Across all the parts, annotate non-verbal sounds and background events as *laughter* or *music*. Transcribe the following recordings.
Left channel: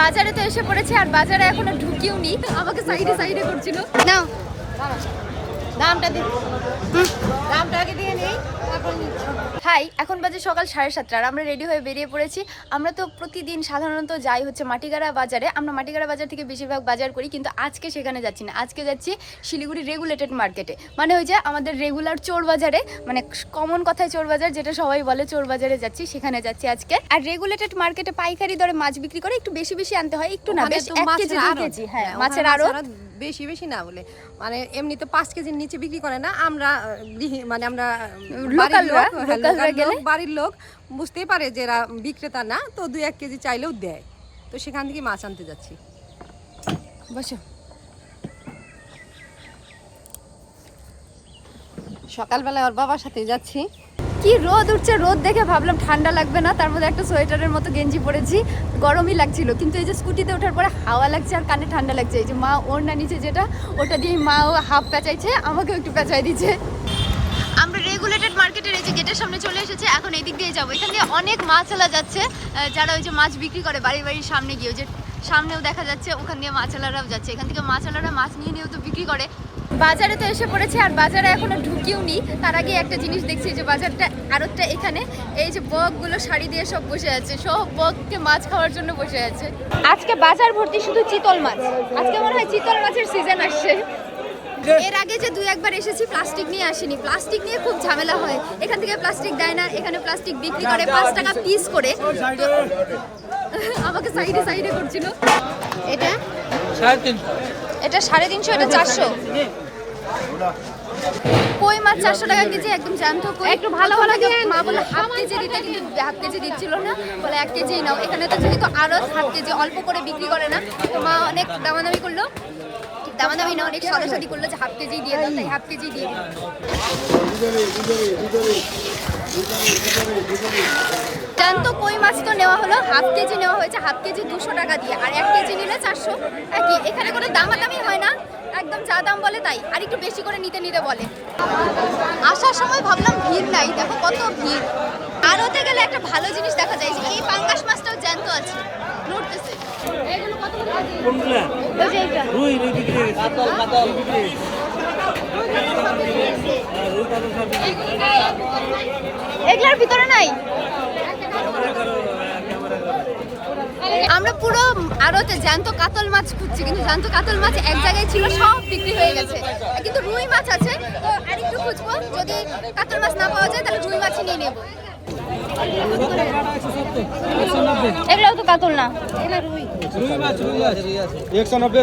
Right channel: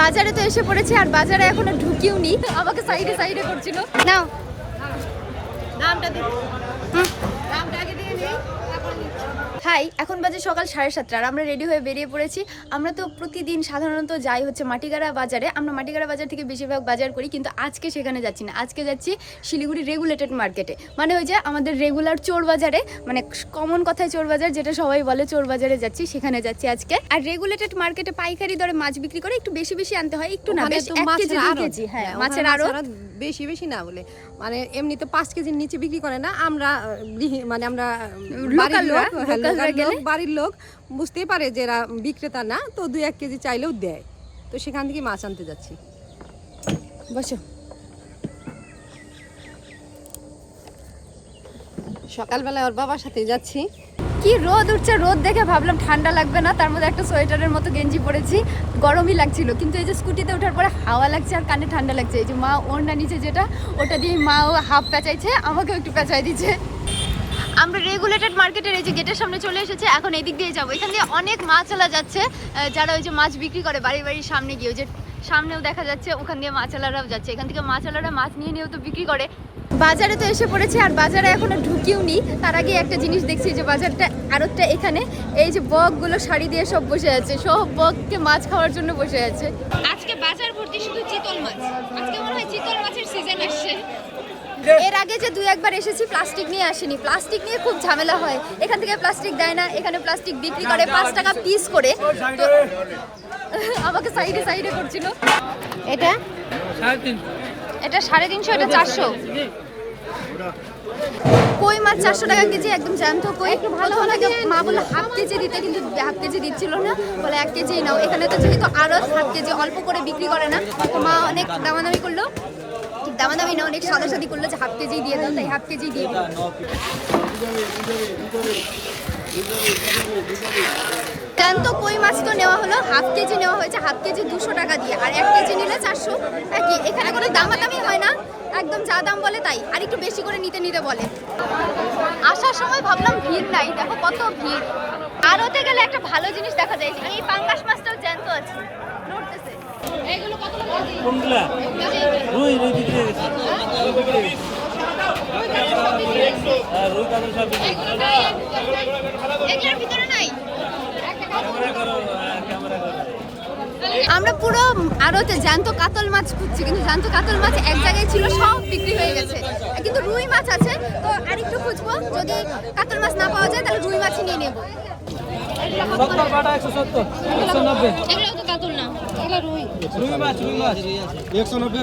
বাজারে তো এসে পড়েছে আর বাজারে এখনও ঢুকিও নি আমাকে সাইডে সাইডে করছিল। নাও। দামটা দিন দামটা আগে দিয়ে নেই। হাই এখন বাজে সকাল সাড়ে সাতটা আর আমরা রেডি হয়ে বেরিয়ে পড়েছি। আমরা তো প্রতিদিন সাধারণত যাই হচ্ছে মাটিগাড়া বাজারে। আমরা মাটিগাড়া বাজার থেকে বেশিরভাগ বাজার করি কিন্তু আজকে সেখানে যাচ্ছি না। আজকে যাচ্ছি শিলিগুড়ি রেগুলেটেড মার্কেটে মানে ওই যে আমাদের রেগুলার চোর বাজারে মানে কমন কথায় চোর বাজার যেটা সবাই বলে চোর বাজারে যাচ্ছি সেখানে যাচ্ছি আজকে। আর রেগুলেটেড মার্কেটে পাইকারি দরে মাছ বিক্রি করে একটু বেশি বেশি আনতে হয় একটু না বেশ এক কেজি হ্যাঁ হ্যাঁ, মাছের আরও বেশি বেশি না বলে। মানে এমনিতে পাঁচ কেজির নিচে বিক্রি করে না আমরা মানে আমরা বাড়ির লোক, হ্যাঁ, বাড়ির লোক বুঝতেই পারে যে এরা বিক্রেতা না তো দুই এক কেজি চাইলেও দেয়। তো সেখান থেকে মাছ আনতে যাচ্ছি। বসো। সকালবেলায় ওর বাবার সাথে যাচ্ছি। কি রোদ উঠছে, রোদ দেখে ভাবলাম ঠান্ডা লাগবে না, তার মধ্যে একটা সোয়েটারের মতো গেঞ্জি পরেছি, গরমই লাগছিল। কিন্তু এই যে স্কুটিতে ওঠার পরে হাওয়া লাগছে আর কানে ঠান্ডা লাগছে, এই যে মা ওর না নিচে যেটা, ওটা দিয়ে মা ও হাফ পেঁচাইছে, আমাকেও একটু পেঁচাই দিচ্ছে। আমরা রেগুলেটেড মার্কেটের এই যে গেটের সামনে চলে এসেছে, এখন এই দিক দিয়ে যাব। এখান দিয়ে অনেক মাছ মাছওয়ালা যাচ্ছে যারা ওই যে মাছ বিক্রি করে বাড়ির বাড়ির সামনে গিয়ে যে সামনেও দেখা যাচ্ছে, ওখান দিয়ে মাছওয়ালারাও যাচ্ছে। এখান থেকে মাছওয়ালারা মাছ নিয়ে নিয়েও তো বিক্রি করে। বাজারে তো এসে পড়েছে আর বাজারে এখনও ঢুকিও নি তার আগে একটা জিনিস দেখছি যে বাজারটা আরোটা এখানে। এই যে বকগুলো শাড়ি দিয়ে সব বসে আছে। সব বককে মাছ খাওয়ার জন্য বসে আছে। আজকে বাজার ভর্তি শুধু চিতল মাছ। আজকে মনে হয় চিতল মাছের সিজন আসছে। এর আগে যে দুই একবার এসেছি প্লাস্টিক নিয়ে আসিনি। প্লাস্টিক নিয়ে খুব ঝামেলা হয়। এখান থেকে প্লাস্টিক দেয় না এখানে প্লাস্টিক বিক্রি করে পাঁচ টাকা পিস করে। তো *laughs* আমাকে সাইডে সাইডে করছিল। এটা? এটা সাড়ে তিনশো এটা চারশো? কই মাছ চারশো টাকা কেজি? একদম জানতো কই? একটু ভালো ভালো মা বলে হাফ কেজি দিতে কিন্তু হাফ কেজি দিচ্ছিল না। বলে এক কেজি নাও। এখানে তো যেহেতু আরও হাফ কেজি অল্প করে বিক্রি করে না তো মা অনেক দামাদামি করল। ঠিক দামাদামি না অনেক সাদাসাদি করল যে হাফ কেজি দিয়ে দাও তাই হাফ কেজি দিয়ে দিল জ্যান্ত কই মাছ তো নেওয়া হলো? হাফ কেজি নেওয়া হয়েছে হাফ কেজি দুশো টাকা দিয়ে। আর এক কেজি নিলে চারশো। একই এখানে কোনো দামাদামি হয় না। একদম যা দাম বলে তাই। আর একটু বেশি করে নিতে নিতে বলে। আসার সময় ভাবলাম ভিড় নাই। দেখো কত ভিড়। আর ওতে গেলে একটা ভালো জিনিস দেখা যায় যে এই পাঙ্গাস মাছটাও জ্যান্ত আছে। নড়তেছে। এগুলো এগুলার ভিতরে নাই আমরা পুরো আড়তে জ্যান্ত কাতল মাছ খুঁজছি কিন্তু জ্যান্ত কাতল মাছ এক জায়গায় ছিল সব বিক্রি হয়ে গেছে কিন্তু রুই মাছ আছে তো আর একটু খুঁজবো যদি কাতল মাছ না পাওয়া যায় তাহলে রুই মাছ নিয়ে নেব এগুলাও তো কাতল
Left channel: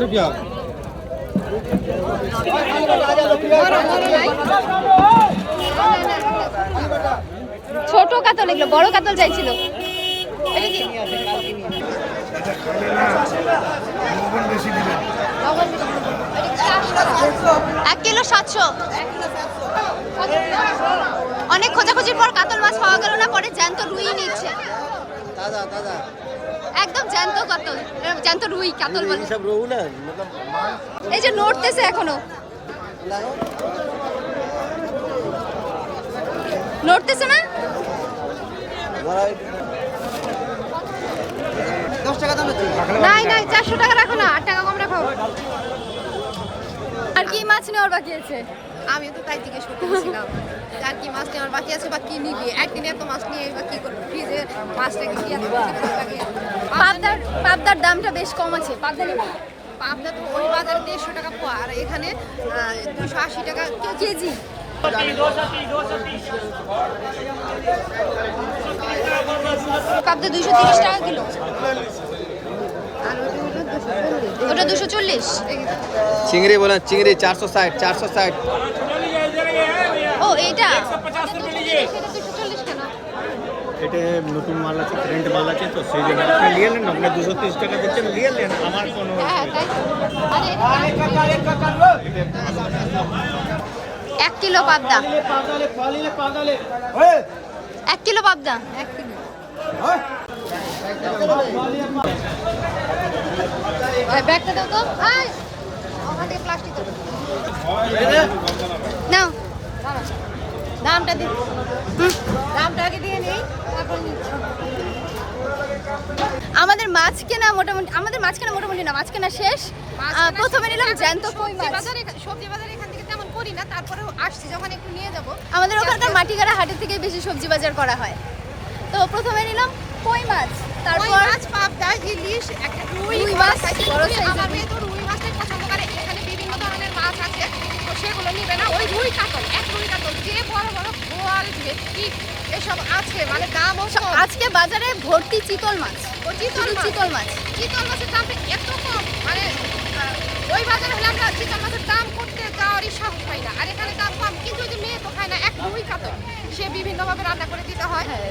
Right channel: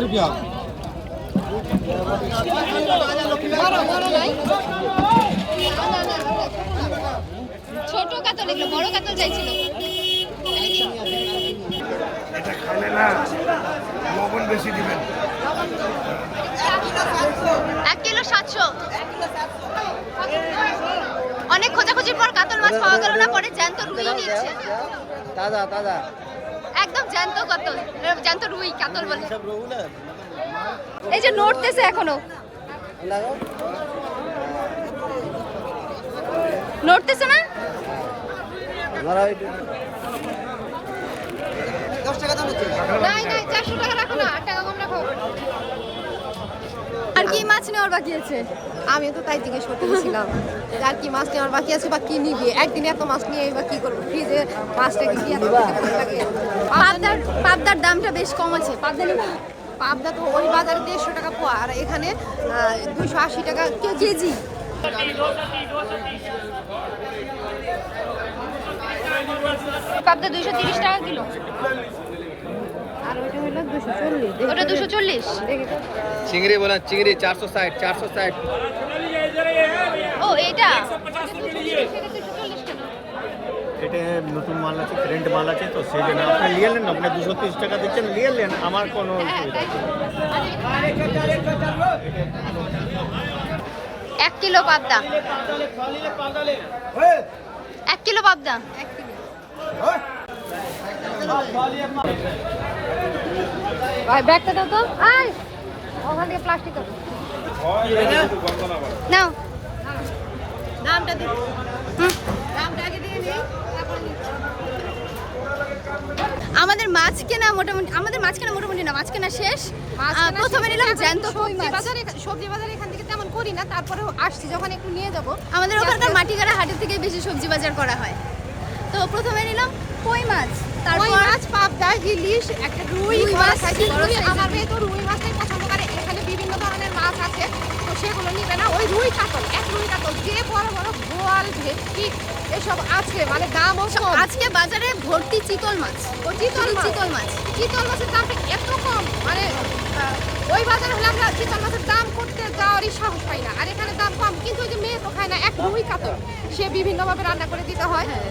রুপিয়া না ছোট কাতল এগুলো বড় কাতল চাইছিল। এক কিলো সাতশো। অনেক খোঁজাখুঁজির পর কাতল মাছ পাওয়া গেল না পরে জ্যান্ত রুই নিচ্ছে। একদম জ্যান্ত কাতল জ্যান্ত রুই কাতল বলে। এই যে নড়তেছে এখনও। নড়তেছে না? নাই নাই চারশো টাকা রাখো না আট টাকা কম রাখো। আর কি মাছ নেওয়ার বাকি আছে? আমি তো তাই জিজ্ঞেস করতেছিলাম আর কি মাছ নেওয়ার বাকি আছে বা কি নিবে? একদিন এত মাছ নিয়ে বা কি করবে? ফ্রিজে মাছটা কি এত লাগে। পাবদার পাবদার দামটা বেশ কম আছে পাবদা নেবে? পাবদা তো ওই বাজারে দেড়শো টাকা পোয়া আর এখানে দুশো আশি টাকা কেজি। পাবদা তিরিশ টাকা দুশো চল্লিশ। চিংড়ি বলেন চিংড়ি চারশো ষাট চারশো ষাট। ও এটা এটা নতুন মাল আছে প্রিন্ট মাল আছে তো সেই জন্য আপনি নিয়ে নেন আপনি দুশো তিরিশ টাকা দিচ্ছেন নিয়ে নেন আমার কোনো এটা এক কিলো পাবদা। এক কিলো পাবদা? আমাদের প্লাস্টিক নাও। দামটা দিন দামটা আগে দিয়ে নেই তারপর আমাদের মাছ কেনা মোটামুটি আমাদের মাছ কেনা মোটামুটি না মাছ কেনা শেষ। প্রথমে নিলাম জ্যান্ত কই মাছ? বাজারে সবজি বাজারে করি না তারপরেও আসছি যখন একটু নিয়ে যাব। আমাদের ওখানকার মাটিগাড়া হাটের থেকে বেশি সবজি বাজার করা হয়। তো প্রথমে নিলাম কই মাছ তারপর মাছ পাবদা ইলিশ একটা রুই মাছ, বড় রুই। মেয়ে তো রুই। মাছটাই পছন্দ করে এখানে বিভিন্ন ধরনের মাছ আছে তো সেগুলো নিবে না। ওই রুই কাতল এক রুই কাতল যে বড় বড় বোয়াল ভেটকি এসব আছে মানে কম। আজকে বাজারে ভর্তি চিতল মাছ। ও চিতল মাছ? চিতল মাছ। চিতল মাছের দামটা এত কম মানে ওই বাজারে হলে আমরা চিতল মাছের দাম করতে যাওয়ারই সাহস পাই না। আর এখানে দাম কম, কিন্তু যে মেয়ে তো খায় না, এক দুই কাতল। সে বিভিন্নভাবে রান্না করে দিতে হয়। হ্যাঁ।